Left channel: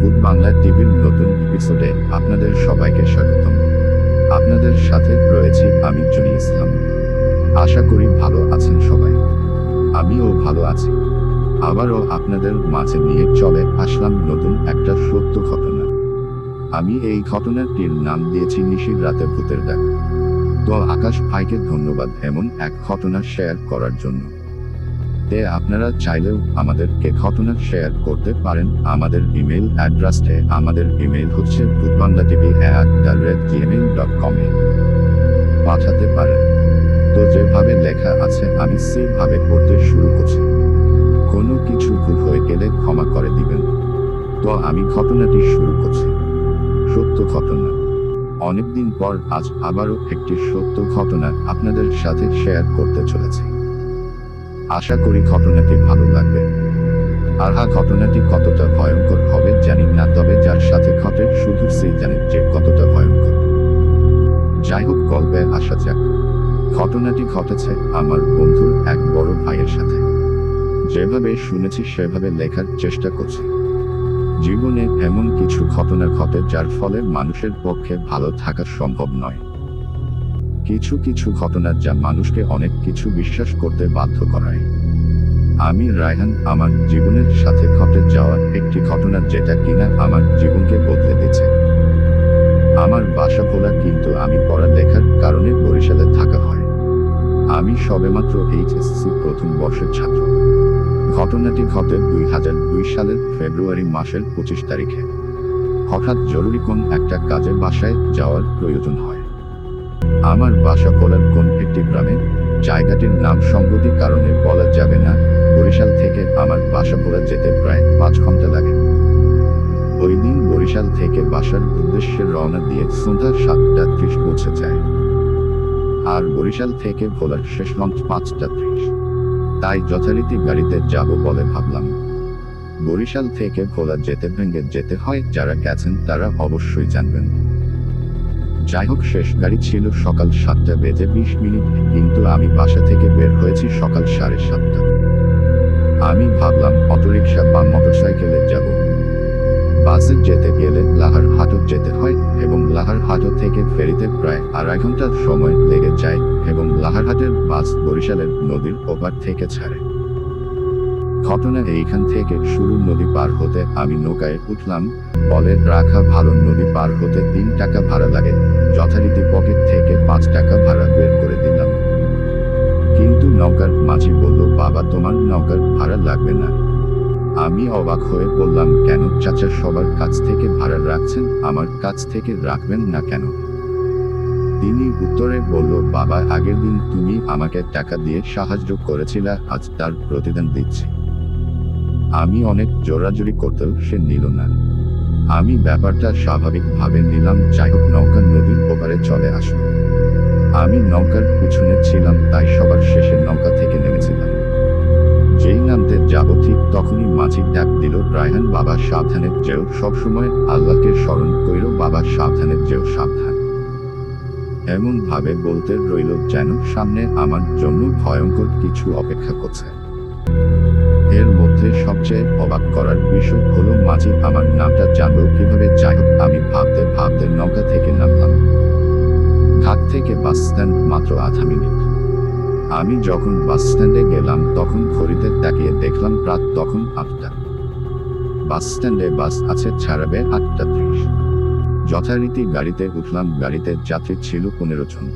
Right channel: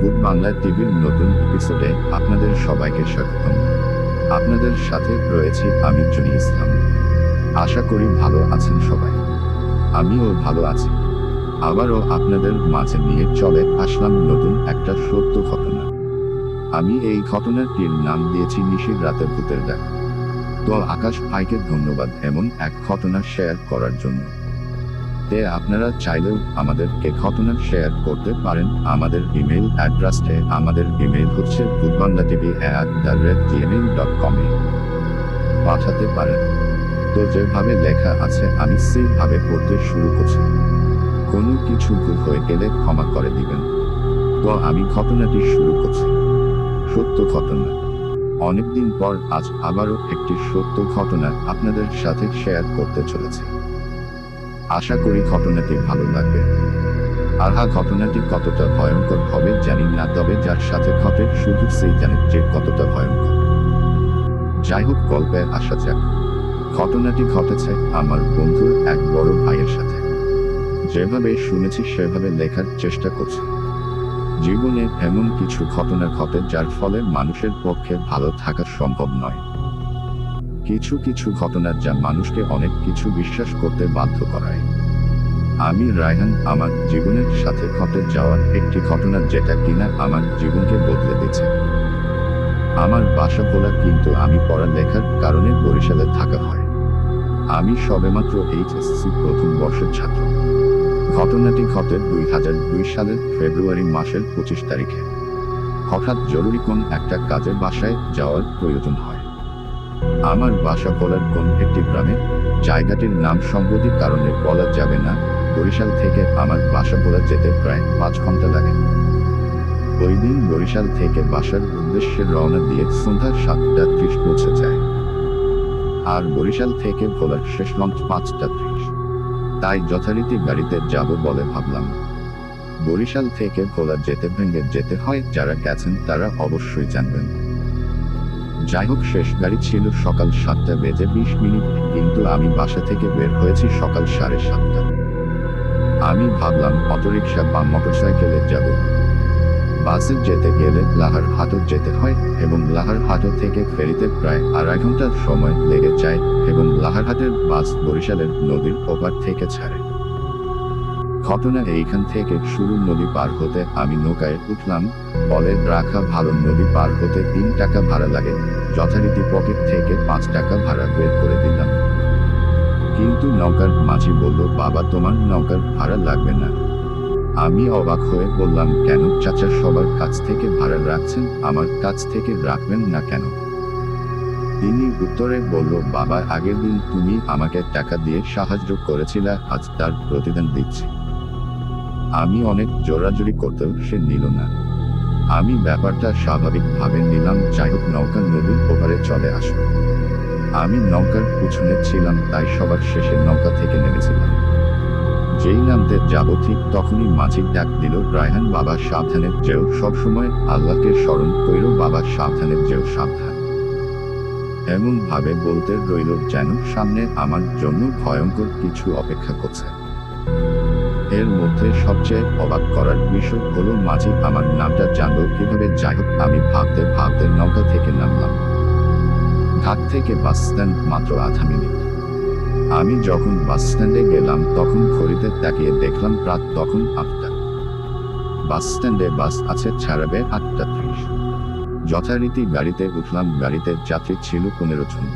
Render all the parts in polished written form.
ভূত বাংলা টিভির নতুন এপিসোডে আপনাদের সবাইকে স্বাগতম। আপনাদের সাথে রয়েছি আমি জনি ইসলাম। আশা করি ভালো আছেন সবাই। আমিও ভালো আছি। আবারও আপনাদের মাঝে নিয়ে চলে আসলাম নতুন একটা সত্য ঘটনা। আমি এই ঘটনাটির নাম দিয়েছি নিশির রাতে ভূতের ডাক। তো আকাশ ভাইকে ধন্যবাদ এমন এক ঘটনা শেয়ার করার জন্য। আপনারা চাইলেও আমাদেরকে ঘটনা শেয়ার করতে পারেন আমাদের ইমেল অ্যাড্রেসে। আমাদের ইমেল হচ্ছে bhutbanglatv@gmail.com এ পাঠাতে পারেন। তো যেভাবে লেখা আছে আমি সেইভাবে পড়তে শুরু করছি। কোনো কিছু ভুল হয়ে গেলে ক্ষমা করে দিবেন। তো আমি ঘটনাটি শুরু করছি। সত্য ঘটনা। অনেকদিন পর আজ আবারও একটি সত্য ঘটনা আপনাদের সাথে শেয়ার করতে চলেছি। আশা করি ঘটনাটি ভালো লাগবে। আর ঘটনাটি কতটা ভয়ঙ্কর হবে জানি না, তবে যার সাথে ঘটে শুধু সেই জানে যে কতটা ভয়ঙ্কর। যাই হোক, গল্পে আসা যাক। ঘটনাটি ঘটেছে আমার বন্ধুর এক বড় ভাইয়ের সাথে। যেভাবে শুনেছি সেভাবে লেখার চেষ্টা করছি। জীবনে এমন কিছু ঘটনা ঘটে যার ফলে মানুষের পক্ষে ভালো থাকা সম্ভব নয়। কিছু কিছু ঘটনা যা মানুষকে অনেক কিছু বিশ্বাস করতে বাধ্য করায়। আমি রায়হান আমার জীবনের সাথে ঘটে যাওয়া একটি ঘটনা যেটা কিনা আমার জীবনকে বদলে দিয়েছে। আমার বাসা ভোলা, কিন্তু আমি পড়ালেখার কারণে বরিশালে থাকা হয়। আমি সবেমাত্র এইচএসসি প্রথম বর্ষের ছাত্র। ঘটনাটি ঘটে 2002 সালের ফেব্রুয়ারি মাসের 25 তারিখে। হঠাৎ জরুরি কোন একটা কাজে বাসায় যাওয়ার প্রয়োজন হয়। আমার বাসা ভোলার কোন একটি গ্রামে, জায়গাটির নাম সঙ্গতি কারণে বলা যাবে না। বরিশাল থেকে আমার বাসা ভোলা যেতে প্রায় 5 ঘন্টা লাগে। ওই দিন বরিশাল থেকে বাসার উদ্দেশ্যে রওনা দিয়ে সন্ধ্যা 7:30 পৌঁছে যায়। আর বরিশাল থেকে ভোলার শেষ লঞ্চ 5:30। তাই যথারীতি গাড়িতে যাব বলে ভাবলাম। বরিশাল থেকে ভোলা যেতে ভেঙে যেতে হয়, যারা গেছেন তারা অবশ্যই জানবেন। যাই হোক, শেষ গাড়ি ছিল সকাল 7:20, কিন্তু আমি বাসা থেকে বের হয়েছি সকাল 7:30। আমি ভাবলাম অটোরিকশা বা মোটরসাইকেলে যাব। বাসে যেতে গেলে লাহারহাট যেতে হয় এবং লাহারহাট থেকে ফেরিতে প্রায় 2.5 ঘন্টা সময় লেগে যায় এবং লাহারহাটের বাস বরিশালের নদীর ওপার থেকে ছাড়ে। ঘটনা এইখান থেকে শুরু। নদী পার হতে আমি নৌকায় উঠলাম। বলে রাখা ভালো, নদী পার হতে 3 টাকা ভাড়া লাগে। যথারীতি পকেট থেকে 5 টাকা ভাড়া বের করে দিলাম। কিন্তু নৌকার মাঝি বলল, বাবা তোমার নৌকার ভাড়া লাগবে না। আমি অবাক হয়ে বললাম, কেন চাচা, সবার কাছ থেকে ভাড়া রাখছেন, আমার কাছ থেকে রাখবেন না কেন? তিনি উত্তরে বলল, বাবা আগের দিন তুমি আমাকে টাকা দিয়ে সাহায্য করেছিলে, আজ তার প্রতিদান দিচ্ছি। আমি অনেক জোরাজুরি করতেও সে নিল না। আমি ব্যাপারটা স্বাভাবিকভাবে নিলাম। যাই হোক, নৌকা নদীর ওপারে চলে আসলো। আমি নৌকার পিছনে ছিলাম, তাই সবার শেষে নৌকা থেকে নেমেছিলাম। যেই নামতে যাব ঠিক তখনই মাঝি ডাক দিল, রায়হান বাবা সাবধানে যেও, সবসময় আল্লাহকে স্মরণ কইরো বাবা, সাবধানে যেও, সাবধান। এমন ভাবে বলতে রইল যেন সামনে আমার জন্য ভয়ঙ্কর কিছু অপেক্ষা করছে। এর মধ্যে সবচেয়ে অবাক করার বিষয় হলো মাঝি আমার নামটা জানলো কিভাবে। যাই হোক, আমি ভাবতে ভাবতে নৌকা থেকে নামলাম। ঘাট থেকে বাস স্ট্যান্ড মাত্র 0.5 মিনিট। আমি যখন বাস স্ট্যান্ডে গেলাম তখন ঘড়িতে তাকিয়ে দেখলাম রাত তখন 8টা। বাস স্ট্যান্ডে বাস আছে, ছাড়াবে 8:30। যথারীতি গাড়িতে উঠলাম। গাড়িতে যাত্রী ছিল 15 জন।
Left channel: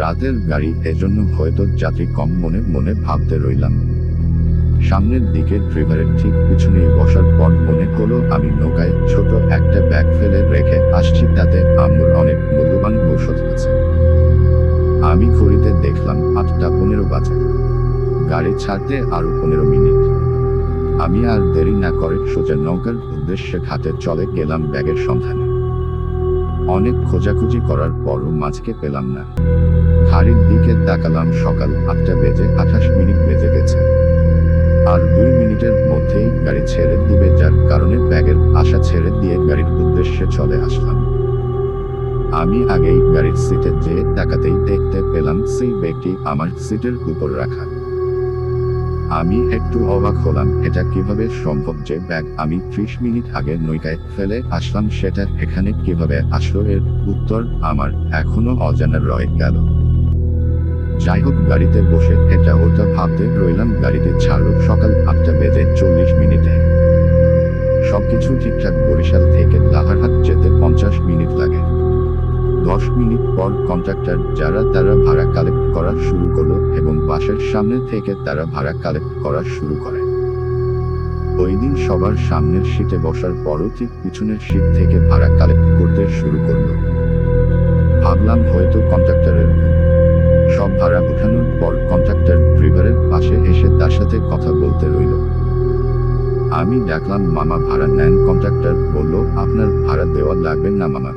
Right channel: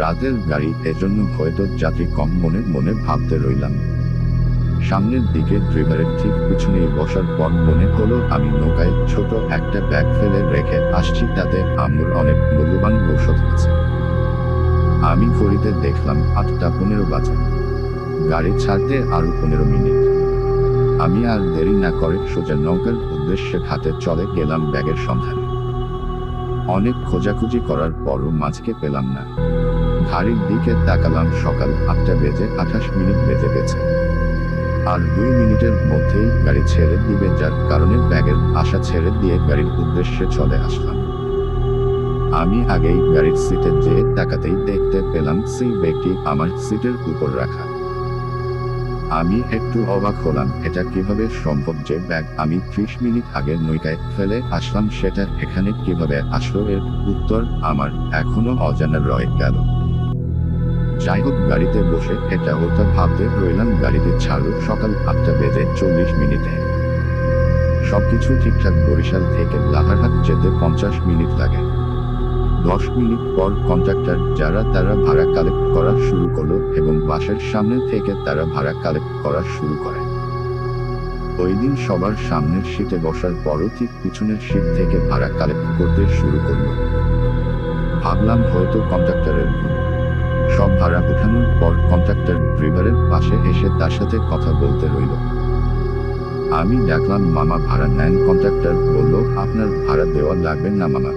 রাতের গাড়ি, এজন্য হয়তো যাত্রী কম। মনে মনে ভাবতে রইলাম। সামনের দিকে ড্রাইভারের ঠিক পিছনেই বসার পর মনে হলো আমি নৌকায় ছোট একটা ব্যাগ ফেলে রেখে আসছি, তাতে আম্মুর অনেক মূল্যবান ঔষধ আছে। আমি ঘড়িতে দেখলাম 8:15 বাজে। গাড়ি ছাড়তে আরো 15 মিনিট। আমি আর দেরি না করে সোজা নৌকার উদ্দেশ্যে ঘাটে চলে গেলাম ব্যাগের সন্ধানে। অনেক খোঁজাখুঁজি করার পরও মাঝকে পেলাম না। ঘড়ির দিকে তাকালাম, সকাল 8:28 বেজে গেছে। আর 2 মিনিটের মধ্যেই গাড়ি ছেড়ে দিবে, যার কারণে ব্যাগের আশা ছেড়ে দিয়ে গাড়ির উদ্দেশ্যে চলে আসলাম। আমি আগেই গাড়ির সিটে যেয়ে তাকাতেই দেখতে পেলাম সেই ব্যাগটি আমার সিটের উপর রাখা। আমি একটু অবাক হলাম, এটা কিভাবে সম্ভব যে ব্যাগ আমি 30 মিনিট আগে নৌকায় ফেলে আসলাম সেটা এখানে কিভাবে আসলো? এর উত্তর আমার এখনো অজানা রয়ে গেল। যাই হোক, গাড়িতে বসে এটা ওটা ভাবতে রইলাম। গাড়িতে ছাড়লো সকাল 8:40 সবকিছু ঠিকঠাক। বরিশাল থেকে লাহারহাট যেতে 50 মিনিট লাগে। 10 মিনিট পর কন্ট্রাক্টর যারা তারা ভাড়া কালেক্ট করা শুরু করলো এবং বাসের সামনে থেকে তারা ভাড়া কালেক্ট করা শুরু করে। ওই দিন সবার সামনের সিটে বসার পরও ঠিক পিছনের সিট থেকে ভাড়া কালেক্ট করতে শুরু করলো। ভাবলাম হয়তো কন্ট্রাক্টরের ভুল। সব ভাড়া উঠানোর পর কন্ট্রাক্টর ড্রাইভারের পাশে এসে তার সাথে কথা বলতে রইল। আমি ডাকলাম, মামা ভাড়া নেন? কন্ট্রাক্টর বলল, আপনার ভাড়া দেওয়া লাগবে না মামা।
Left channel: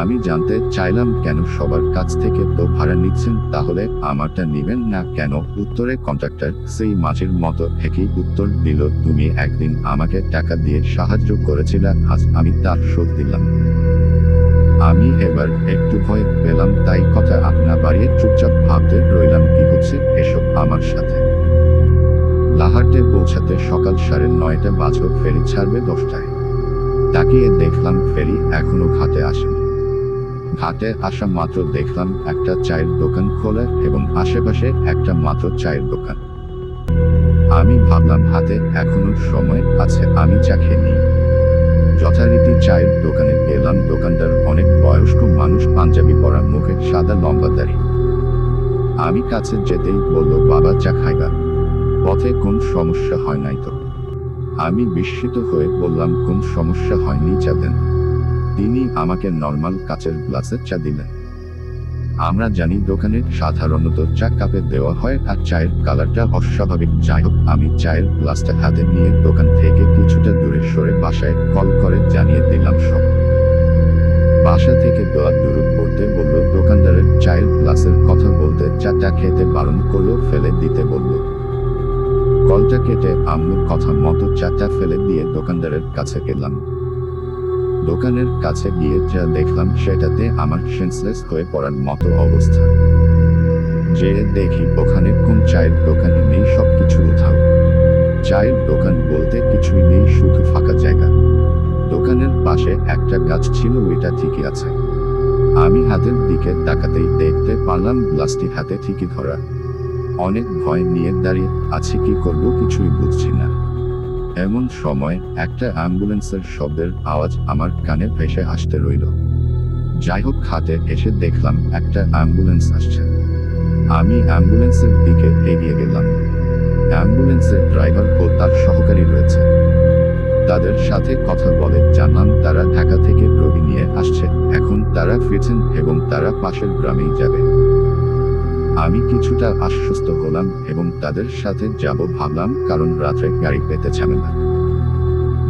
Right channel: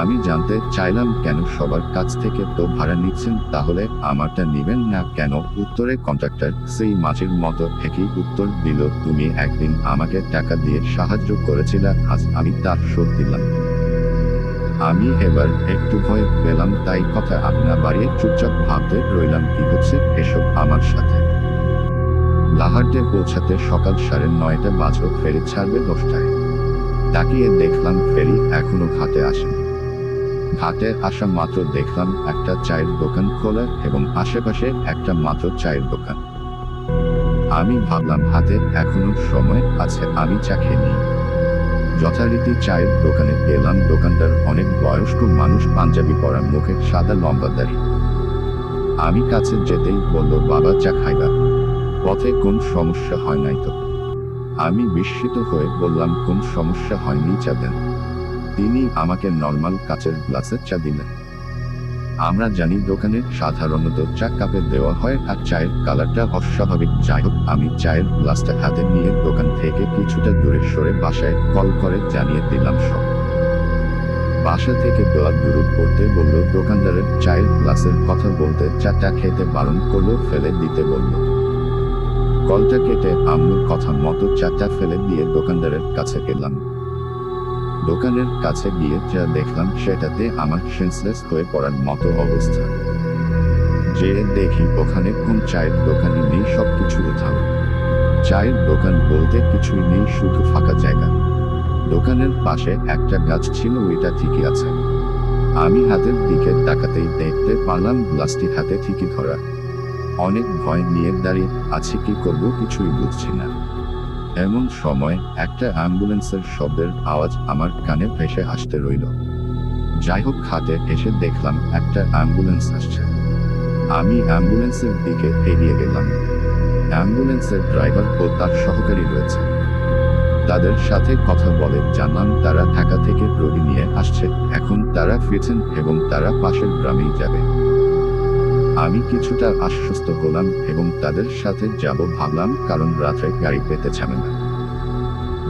আমি জানতে চাইলাম, কেন? সবার কাছ থেকে তো ভাড়া নিচ্ছেন, তাহলে আমারটা নিবেন না কেন? উত্তরে কন্ট্রাক্টর সেই মাছের মতো একই উত্তর দিল, তুমি একদিন আমাকে টাকা দিয়ে সাহায্য করেছিলে, আজ আমি তার শোধ দিলাম। আমি এবার একটু ভয় পেলাম, তাই কথা না বাড়িয়ে চুপচাপ ভাবতে রইলাম কি হচ্ছে এসব আমার সাথে। লাহারটে পৌঁছাতে সকাল 9:30 বাজলো। ফেরি ছাড়বে 10টায়। তাকিয়ে দেখলাম ফেরি এখনো ঘাটে আসেনি। ঘাটে আসা মাত্র দেখলাম একটা চায়ের দোকান খোলা এবং আশেপাশে একটা মাত্র চায়ের দোকান। আমি ভাবলাম হাতে এখনো সময় আছে, আমি চা খেয়ে নিই। যথারীতি চায়ের দোকানে গেলাম। দোকানদার অনেক বয়স্ক মানুষ, পাঞ্জাবি পরা, মুখে সাদা লম্বা দাড়ি। আমি কাছে যেতেই বলল, বাবা চা খাইবা? পথে কোন সমস্যা হয় নাই তো? আমি বিস্মিত হয়ে বললাম, কোন সমস্যা হয়নি, চা দেন। তিনি আমাকে নর্মাল কাচের গ্লাসে চা দিলেন। আমরা জানি দোকানে সাধারণত চা কাপে দেওয়া হয় আর চায়ের কালারটা অস্বাভাবিক। যাই হোক, আমি চায়ের গ্লাসটা হাতে নিয়ে দোকান থেকে কিছুটা দূরে সরে বাসায় কল করে জানিয়ে দিলাম সব। বাসা থেকে দোয়া দুরুদ পড়তে বলল। দোকানদারের চায়ের গ্লাসের কথা বলতে চাটা খেতে বারণ করলো, ফেলে দিতে বলল। কলটা কেটে আম্মুর কথা মতো চাটা ফেলে দিয়ে দোকানদারের কাছে গেলাম। দোকানের কাছে গিয়ে যা দেখলাম সেটাতে আমার সেন্সলেস হয়ে পড়ার মতো অবস্থা। যে দেখি ওখানে কোন চায়ের দোকানই নেই, সবকিছু উধাও। চায়ের দোকান বলতে কিছুই নেই, শুধু ফাঁকা জায়গা। দোকানের পাশে একটা গাছ ছিল, ওইটা ঠিকই আছে। আমি হাতের দিকে তাকাতেই দেখতে পারলাম গ্লাসটি হাতে ঠিকই ধরা। অনেক ভয় নিয়ে দাঁড়িয়ে আছি, কি করব কিছুই বুঝছি না। এমন সময় একটা অ্যাম্বুলেন্সের শব্দের আওয়াজ আমার কানে ভেসে আসতে রইল। যাই হোক, হাতে এসে দেখলাম একটা অ্যাম্বুলেন্স আসছে। আমি অ্যাম্বুলেন্সের দিকে এগিয়ে গেলাম। অ্যাম্বুলেন্সের ড্রাইভার ও তার সহকারী রয়েছে। তাদের সাথে কথা বলে জানলাম তারা ঢাকা থেকে রোগী নিয়ে আসছে, এখন তারা ফিরছেন এবং তারা পাশের গ্রামেই যাবে। আমি কিছুটা আশ্বস্ত হলাম এবং তাদের সাথে যাব ভাবলাম, কারণ রাত্রে গাড়ি পেতে ঝামেলা।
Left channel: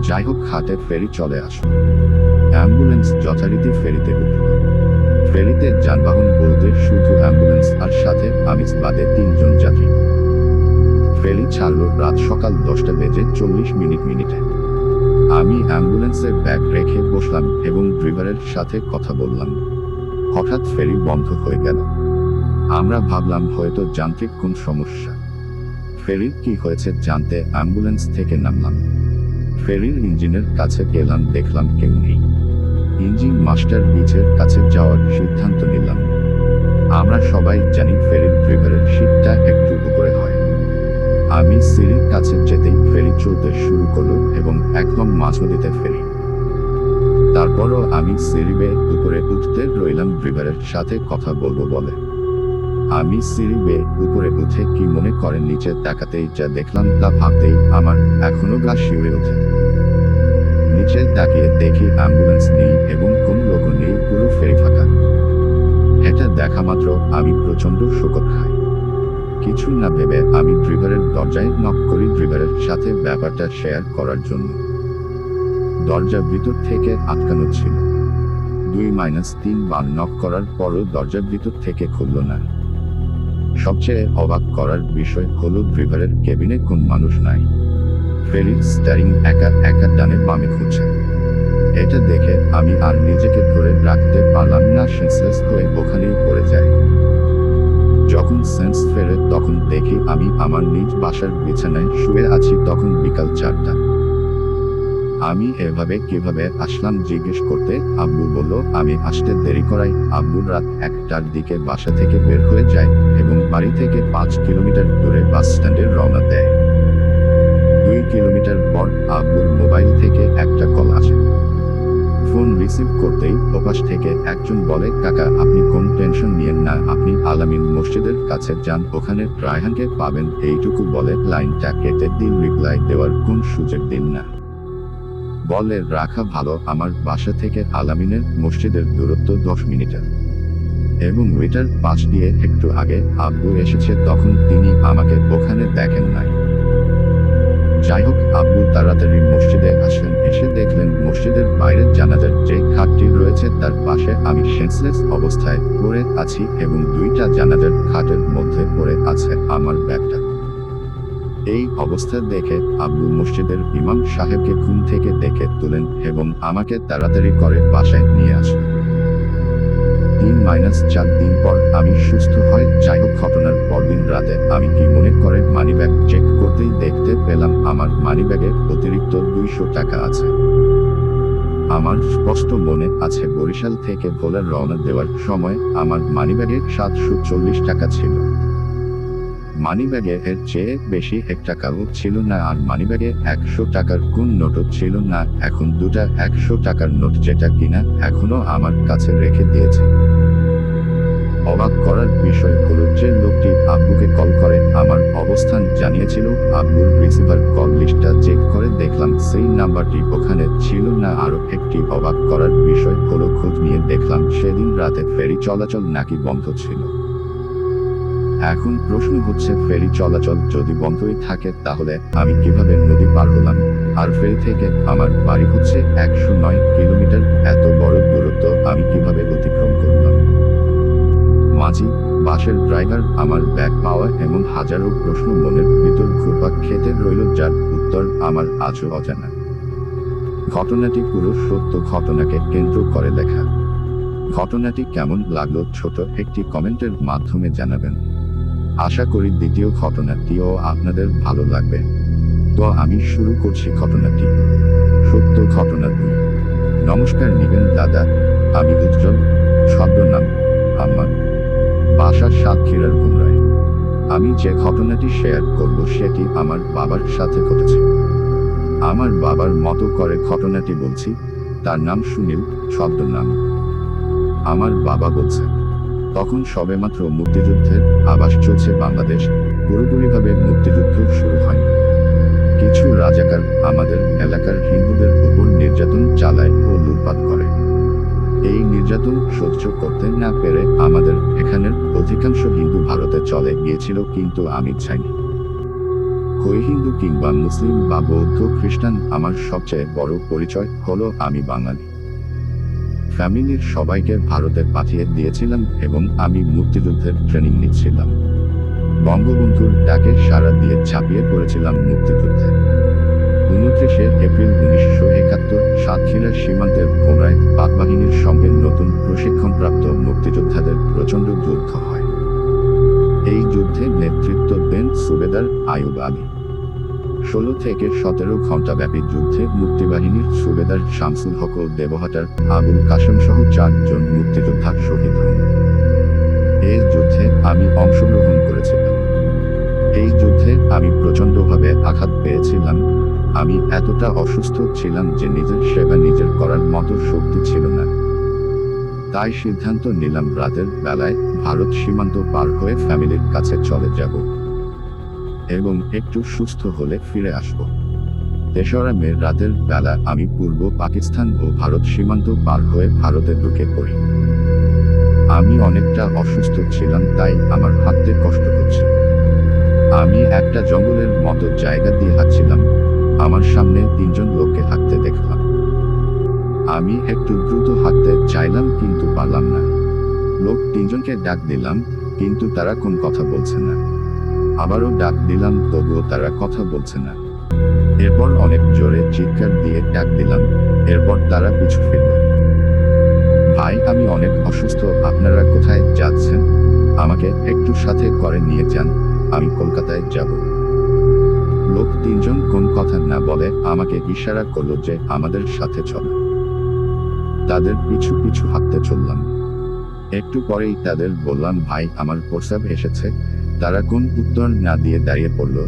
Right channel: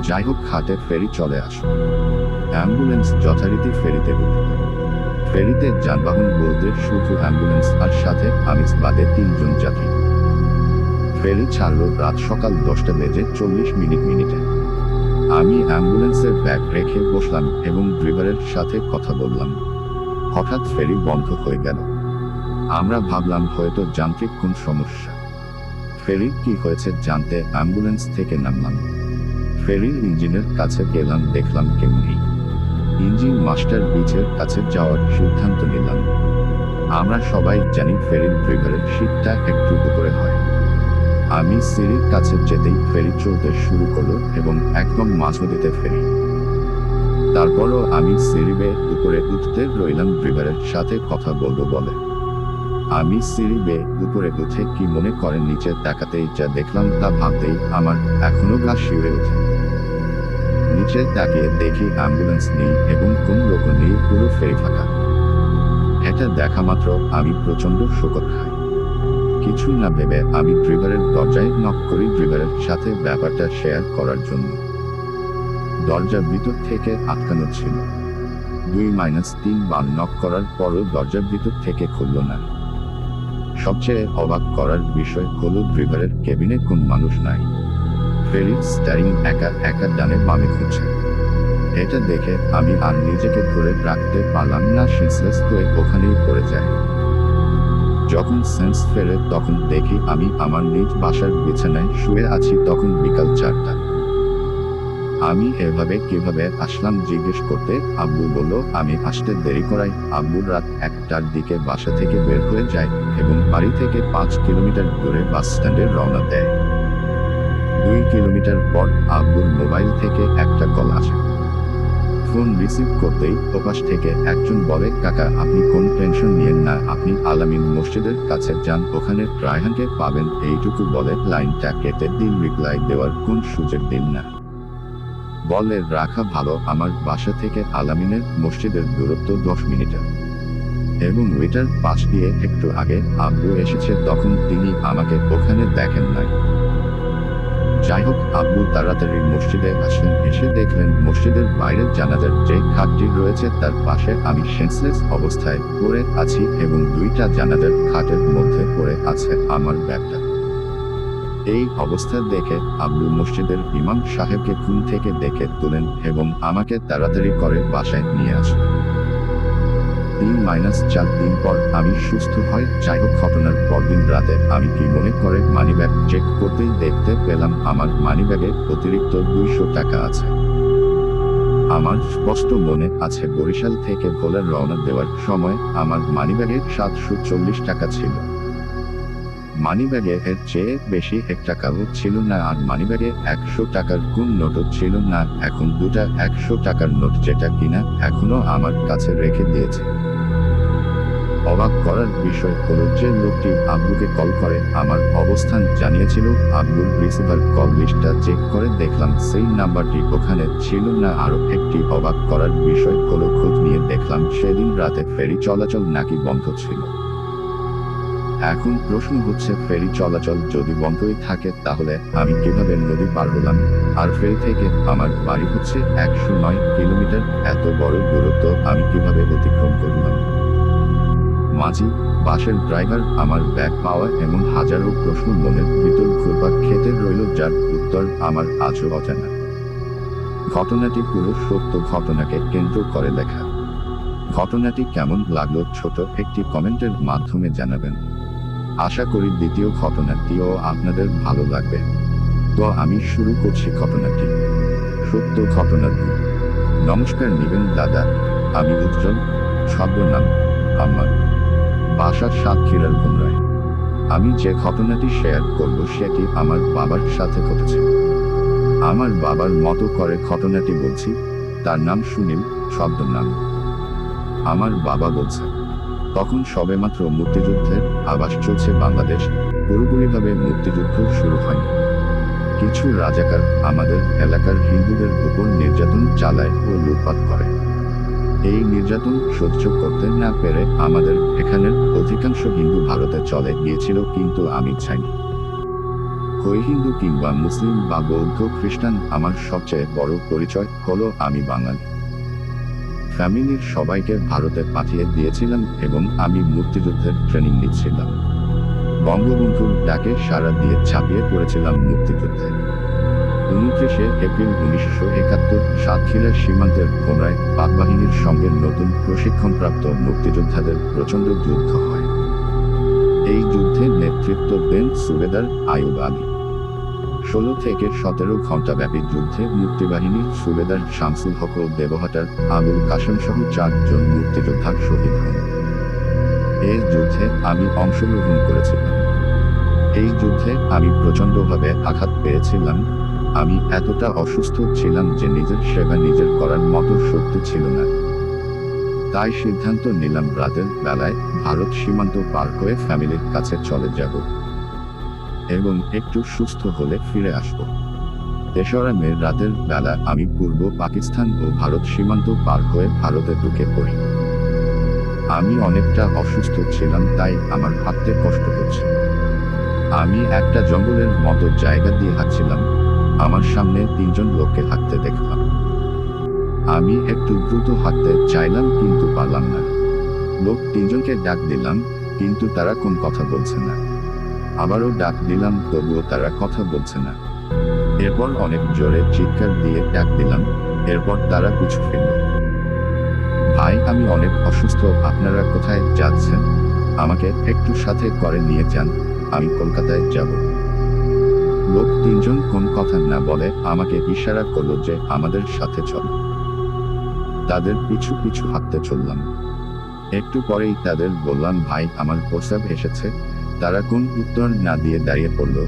যাই হোক, হাটে ফেরি চলে আসলো। অ্যাম্বুলেন্স যথারীতি ফেরিতে উঠল। ফেরিতে যানবাহন বলতে শুধু অ্যাম্বুলেন্স আর সাথে আমি বাদে 3 জন যাত্রী। ফেরি ছাড়লো রাত সকাল 10:40 আমি অ্যাম্বুলেন্সের ব্যাগ রেখে বসলাম এবং ড্রাইভারের সাথে কথা বললাম। হঠাৎ ফেরি বন্ধ হয়ে গেল। আমরা ভাবলাম হয়তো যান্ত্রিক কোন সমস্যা। ফেরির কি হয়েছে জানতে অ্যাম্বুলেন্স থেকে নামলাম। ফেরির ইঞ্জিনের কাছে গেলাম, দেখলাম কেউ নেই। ইঞ্জিন মাস্টার বিচের কাছে যাওয়ার সিদ্ধান্ত নিলাম। আমরা সবাই জানি ফেরির ড্রাইভারের সিটটা একটু উপরে হয়। আমি সিঁড়ির কাছে যেতেই ফেরি চলতে শুরু করলো এবং একদম মাঝনদীতে ফেরি। তারপরও আমি সিঁড়ি বেয়ে উপরে উঠতে রইলাম ড্রাইভারের সাথে কথা বলবো বলে। আমি সিঁড়ি বেয়ে উপরে উঠে কি মনে করেন নিচে তাকাতেই যা দেখলাম তা ভাবতেই আমার এখনো গা শিউরে ওঠে। নিচে তাকিয়ে দেখি অ্যাম্বুলেন্স নেই এবং কোন লোক নেই, পুরো ফেরি ফাঁকা। এটা দেখা মাত্র আমি প্রচন্ড শোকর খাই। কিছু না ভেবে আমি ড্রাইভারের দরজায় নক করি ড্রাইভারের সাথে ব্যাপারটা শেয়ার করার জন্য। দরজা ভিতর থেকে আটকানো ছিল। 2-3 বার নক করার পরও দরজা ভিতর থেকে খুলল না। সবচেয়ে অবাক করার বিষয় হলো ড্রাইভারের কেবিনে কোন মানুষ নাই। ফেরির স্টিয়ারিং একা একা ডানে বামে ঘুরছে। এটা দেখে আমি আর নিজেকে ধরে রাখতে পারলাম না, সেন্সলেস হয়ে ওখানেই পড়ে যায়। যখন সেন্স ফেরে তখন দেখি আমি আমার নিজ বাসার বিছানায় শুয়ে আছি, তখন বিকাল 4টা। আমি এভাবে কিভাবে আসলাম জিজ্ঞেস করতে আব্বু বলল আমি আসতে দেরি করাই আব্বুর রাত 1টার দিকে বাসা থেকে বের হয়ে যায় এবং বাড়ি থেকে 5 কিলোমিটার দূরে বাস স্ট্যান্ডে রওনা দেয়। 2 কিলোমিটার পর আব্বুর মোবাইল থেকে একটা কল আসে। ফোন রিসিভ করতেই ওপাশ থেকে একজন বলে, কাকা আপনি কোন টেনশন নিয়েন না, আপনি আলামিন মসজিদের কাছে যান, ওখানে রায়হানকে পাবেন। এইটুকু বলে লাইনটা কেটে দিল। রিপ্লাই দেওয়ার কোন সুযোগ দিন না। বলে রাখা ভালো, আমার বাসা থেকে আলামিনের মসজিদের দূরত্ব 10 মিনিটের এবং ওইটার পাশ দিয়ে একটু আগে আব্বু এসেছে, তখন তিনি আমাকে ওখানে দেখেন নাই। যাই হোক, আব্বু তাড়াতাড়ি মসজিদে আসলেন, এসে দেখলেন মসজিদের বাইরের জানাজার যে খাটটি রয়েছে তার পাশে আমি সেন্সলেস অবস্থায় পড়ে আছি এবং 2টা জানাজার খাটের মধ্যে পড়ে আছে আমার ব্যাগটা। এই অবস্থা দেখে আব্বু মসজিদের ইমাম সাহেবকে ঘুম থেকে দেখে তুলেন এবং আমাকে তাড়াতাড়ি করে বাসায় নিয়ে আসলেন। 3-4 দিন পর আমি সুস্থ হই। যাই হোক, ঘটনার পরদিন রাতে আমি কি মনে করে মানিব্যাগ চেক করতেই দেখতে পেলাম আমার মানিব্যাগে অতিরিক্ত 200 টাকা আছে। আমার স্পষ্ট মনে আছে বরিশাল থেকে ভোলা রওনা দেওয়ার সময় আমার মানিব্যাগে 740 টাকা ছিল। মানিব্যাগে এর চেয়ে বেশি 1 টাকাও ছিল না, আর মানিব্যাগে 100 টাকার কোন নোটও ছিল না। এখন 2টা 100 টাকার নোট যেটা কিনা এখনো আমার কাছে রেখে দিয়েছে। অবাক করার বিষয় হলো যে লোকটি আব্বুকে কল করে আমার অবস্থান জানিয়েছিল, আব্বুর রিসিভার কল লিস্টটা চেক করে দেখলাম সেই নাম্বারটি ওখানে ছিল না। আরও একটি অবাক করার বিষয় হলো খোঁজ নিয়ে দেখলাম সেদিন রাতে ফেরি চলাচল নাকি বন্ধ ছিল। এখন প্রশ্ন হচ্ছে, ফেরি চলাচল যদি বন্ধই থাকে তাহলে আমি কিভাবে নদী পার হলাম? আর ফেরি থেকে আমার বাড়ি হচ্ছে 109 কিলোমিটার, এত বড় দূরত্ব আমি কিভাবে অতিক্রম করলাম? মাঝি, বাসের ড্রাইভার, আমার ব্যাগ পাওয়া, এমন হাজারো প্রশ্ন মনের ভিতর ঘুরপাক খেতে রইল, যার উত্তর আমার আজও অজানা। ঘটনাটি পুরো সত্য ঘটনাকে কেন্দ্র করে লেখা। ঘটনাটি কেমন লাগলো ছোট একটি কমেন্টের মাধ্যমে জানাবেন। আশা করি দ্বিতীয় ঘটনাটিও আপনাদের ভালো লাগবে। তো আমি শুরু করছি ঘটনাটি। সত্য ঘটনা 2। নমস্কার নিবেন দাদা, আমি উজ্জ্বল, ছদ্মনাম আম্মা, বাসা সাতক্ষীরার ভুমরায়। আমি যে ঘটনাটি শেয়ার করব সেটি আমার বাবার সাথে ঘটেছে। আমার বাবার মতো করে ঘটনাটি বলছি। তার নাম সুনীল, ছদ্মনাম। আমার বাবা বলছে, তখন সবেমাত্র মুক্তিযুদ্ধের আভাস চলছে বাংলাদেশ, পুরোপুরিভাবে মুক্তিযুদ্ধ শুরু হয়নি। কিছু রাজাকার আমাদের এলাকার হিন্দুদের উপর নির্যাতন চালায় ও লুটপাট করে। এই নির্যাতন সহ্য করতে না পেরে আমাদের এখানের অধিকাংশ হিন্দু ভারতে চলে গিয়েছিল, কিন্তু আমি চাইনি। হই হিন্দু কিংবা মুসলিম বা বৌদ্ধ খ্রিস্টান, আমার সবচেয়ে বড় পরিচয় হলো আমি বাঙালি। ফ্যামিলির সবাইকে ভারতে পাঠিয়ে দিয়েছিলাম এবং আমি মুক্তিযুদ্ধের ট্রেনিং নিচ্ছিলাম। বঙ্গবন্ধুর ডাকে সাড়া দিয়ে ঝাঁপিয়ে পড়েছিলাম মুক্তিযুদ্ধে। 29 এপ্রিল 1971 সাতক্ষীরা সীমান্তের ভোমরায় পাকবাহিনীর সঙ্গে নতুন প্রশিক্ষণপ্রাপ্ত মুক্তিযোদ্ধাদের প্রচণ্ড যুদ্ধ হয়। এই যুদ্ধে নেতৃত্ব দেন সুবেদার আইয়ুব আলী। 16 থেকে 17 ঘণ্টাব্যাপী যুদ্ধে মুক্তিবাহিনীর সুবেদার শামসুল হক ও দেবহাটার আবুল কাশেম সহ 4 জন মুক্তিযোদ্ধা শহীদ হন। এই যুদ্ধে আমি অংশগ্রহণ করেছিলাম। এই যুদ্ধে আমি প্রচণ্ডভাবে আঘাত পেয়েছিলাম। আমি এতটা অসুস্থ ছিলাম যে নিজের সেবা নিজের করার মতো শক্তি ছিল না। তাই সিদ্ধান্ত নিলাম রাতের বেলায় ভারত সীমান্ত পার হয়ে ফ্যামিলির কাছে চলে যাব এবং একটু সুস্থ হলে ফিরে আসব। 3রা মে রাতের বেলা আমি পূর্ব পাকিস্তান ও ভারত সীমান্ত পার হয়ে ভারতে ঢুকে পড়ি। আমি অনেকটা অসুস্থ ছিলাম, তাই আমার হাঁটতে কষ্ট হচ্ছে। আমি একটা জঙ্গলের মতো জায়গা দিয়ে হাঁটছিলাম। আমার সামনে 3 জন লোককে হাঁটতে দেখলাম। আমি একটু দ্রুত হাঁটতে চাইলাম, কিন্তু পারলাম না। লোক 3 জনকে ডাক দিলাম, কিন্তু তারা কোন কথা বলছে না। আবারও ডাক দিলাম, তবুও তারা কথা বলছে না। এরপর অনেক জোরে চিৎকার দিয়ে ডাক দিলাম, এরপর তারা পিছু ফিরল। ভাই, আমি অনেক অসুস্থ, আপনারা কোথায় যাচ্ছেন? আমাকে একটু সাথে করে নিয়ে যান, আমি কলকাতায় যাব। লোক তিনজন কোন কথা না বলে আমাকে ইশারা করলো যে আমাদের সাথে চল। তাদের পিছু পিছু হাঁটতে চললাম। একটু পরেই তাদের বললাম, ভাই আমার প্রস্রাব এসেছে। তারা কোন উত্তর না দিয়ে দাঁড়িয়ে পড়ল।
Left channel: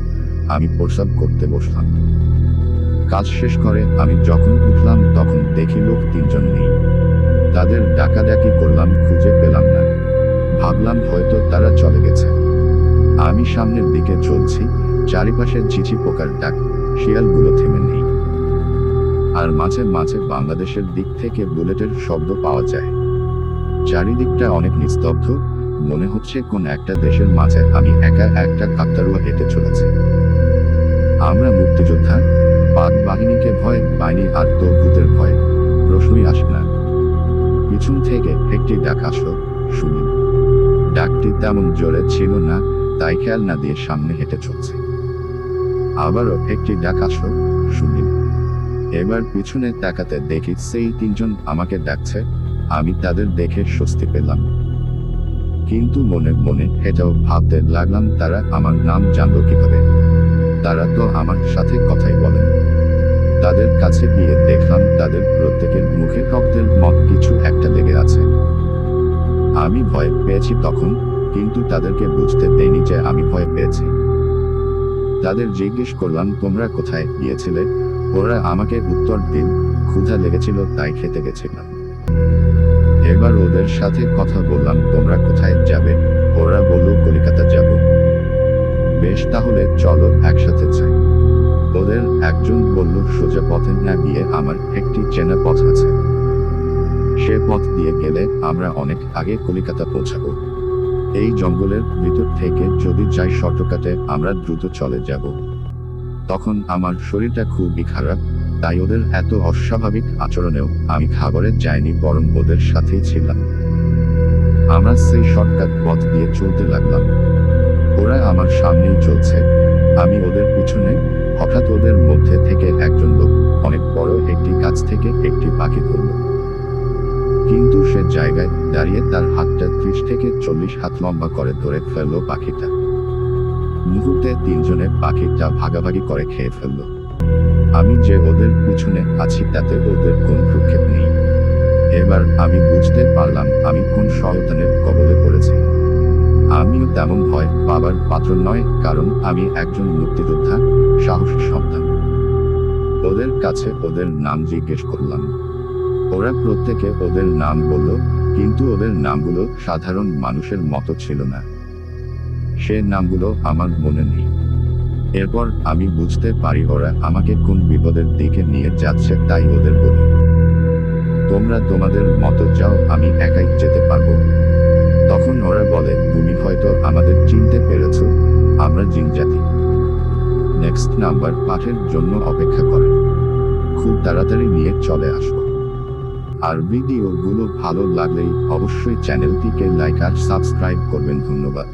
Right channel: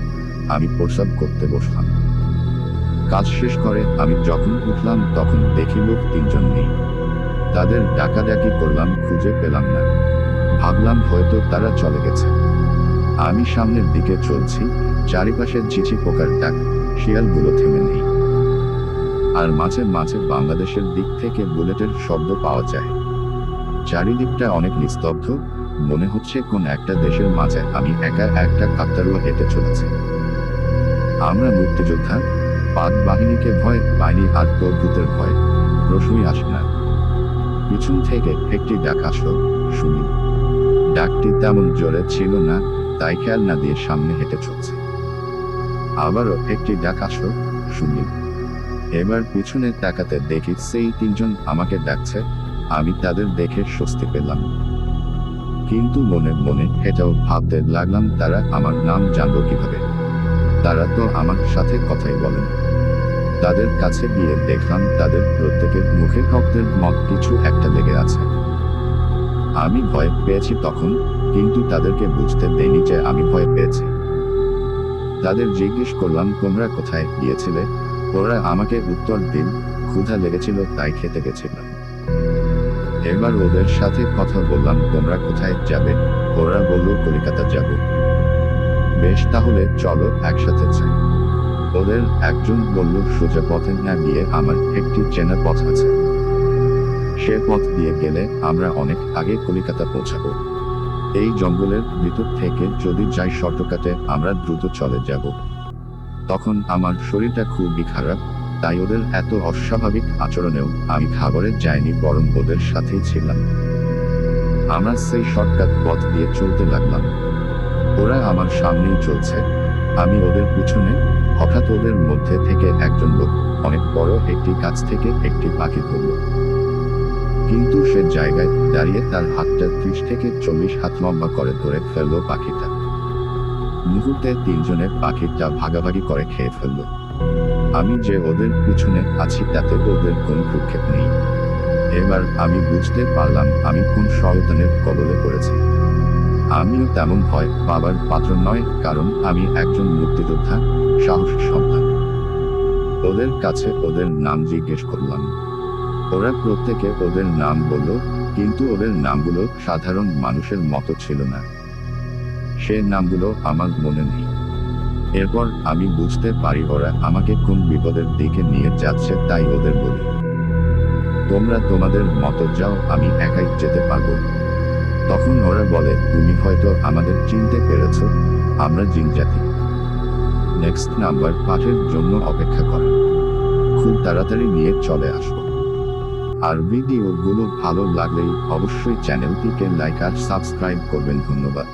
আমি প্রস্রাব করতে বসলাম। কাজ শেষ করে আমি যখন উঠলাম তখন দেখি লোক তিনজন নেই। তাদের ডাকাডাকি করলাম, খুঁজে পেলাম না। ভাবলাম হয়তো তারা চলে গেছে। আমি সামনের দিকে চলছি, চারিপাশে ঝিঝি পোকার ডাক, শিয়ালগুলো থেমে নেই। আর মাঝে মাঝে বাংলাদেশের দিক থেকে বুলেটের শব্দ পাওয়া যায়। চারিদিকটা অনেক নিস্তব্ধ, মনে হচ্ছে কোন একটা দেশের মাঝে আমি একা একটা কাকতারুয়া হেঁটে চলেছি। আমরা মুক্তিযোদ্ধা, পাক বাহিনীকে ভয় পাইনি আর তো ভূতের ভয় প্রশ্নই আসে না। পিছন থেকে একটি ডাক আসলো, শুনি। ডাকটি তেমন জোরে ছিল না, তাই খেয়াল না দিয়ে সামনে হেঁটে চলছে। আবারও একটি ডাক আসলো, শুনি। এবার পিছনে তাকাতে দেখি সেই তিনজন আমাকে ডাকছে। আমি তাদের দেখে স্বস্তি পেলাম, কিন্তু মনে মনে এটাও ভাবতে লাগলাম তারা আমার নাম জানলো কিভাবে। তারা তো আমার সাথে কথাই বলেন। তাদের কাছে গিয়ে দেখলাম তাদের প্রত্যেকের মুখে রক্তের মত কিছু একটা লেগে আছে। আমি ভয় পেয়েছি তখন, কিন্তু তাদেরকে বুঝতে দেইনি যে আমি ভয় পেয়েছি। তাদের জিজ্ঞেস করলাম, তোমরা কোথায় গিয়েছিলে? ওরা আমাকে উত্তর দিল, ক্ষুধা লেগেছিল তাই খেতে গেছিলাম। এবার ওদের সাথে কথা বললাম, তোমরা কোথায় যাবে? ওরা বলল, কলকাতা যাব। বেশ, তাহলে চলো একসাথে যাই। ওদের একজন বলল, সোজা পথে না গিয়ে আমার একটি চেনা পথ আছে। সে পথ দিয়ে গেলে আমরা অনেক আগে কলকাতা পৌঁছাবো। এই জঙ্গলের ভিতর থেকে যদি যাই শর্টকাটে আমরা দ্রুত চলে যাব। তখন আমার শরীরটা খুবই খারাপ, তাই ওদের এত অস্বাভাবিক আচরণেও আমি খাবারে যাইনি, বরং ওদের সাথেই ছিলাম। আমরা সেই শর্টকাট পথ দিয়ে চলতে লাগলাম। ওরা আমার সামনেই চলছে, আমি ওদের পিছনে। হঠাৎ ওদের মধ্যে থেকে একজন লোক অনেক বড় একটি গাছ থেকে একটি পাখি ধরল। কিন্তু সে জায়গায় দাঁড়িয়ে তার হাতটা 30 থেকে 40 হাত লম্বা করে ধরে ফেললো পাখিটা। মুহূর্তে তিনজনে পাখিটা ভাগাভাগি করে খেয়ে ফেলল। আমি যে ওদের পিছনে আছি তাতে ওদের কোন ভ্রুক্ষেপ নেই। এবার আমি বুঝতে পারলাম আমি কোন শয়তানের কবলে পড়েছি। আমিও তেমন ভয় পাবার পাত্র নয়, কারণ আমি একজন মুক্তিযোদ্ধা, সাহসী সন্তান। ওদের কাছে ওদের নাম জিজ্ঞেস করলাম। ওরা প্রত্যেকে ওদের নাম বলল, কিন্তু ওদের নামগুলো সাধারণ মানুষের মতো ছিল না। সে নামগুলো আমার মনে নেই। এরপর আমি বুঝতে পারি ওরা আমাকে কোন বিপদের দিকে নিয়ে যাচ্ছে, তাই ওদের বলি, তোমরা তোমাদের মতো যাও, আমি একাই যেতে পারবো। তখন ওরা বলে, তুমি হয়তো আমাদের চিনতে পেরেছ, আমরা জিন জাতি। নেক্সট নাম্বার পাঠের জন্য অপেক্ষা করেন, খুব তাড়াতাড়ি নিয়ে চলে আসবো। আর ভিডিওগুলো ভালো লাগলেই অবশ্যই চ্যানেলটিকে লাইক আর সাবস্ক্রাইব করবেন। ধন্যবাদ।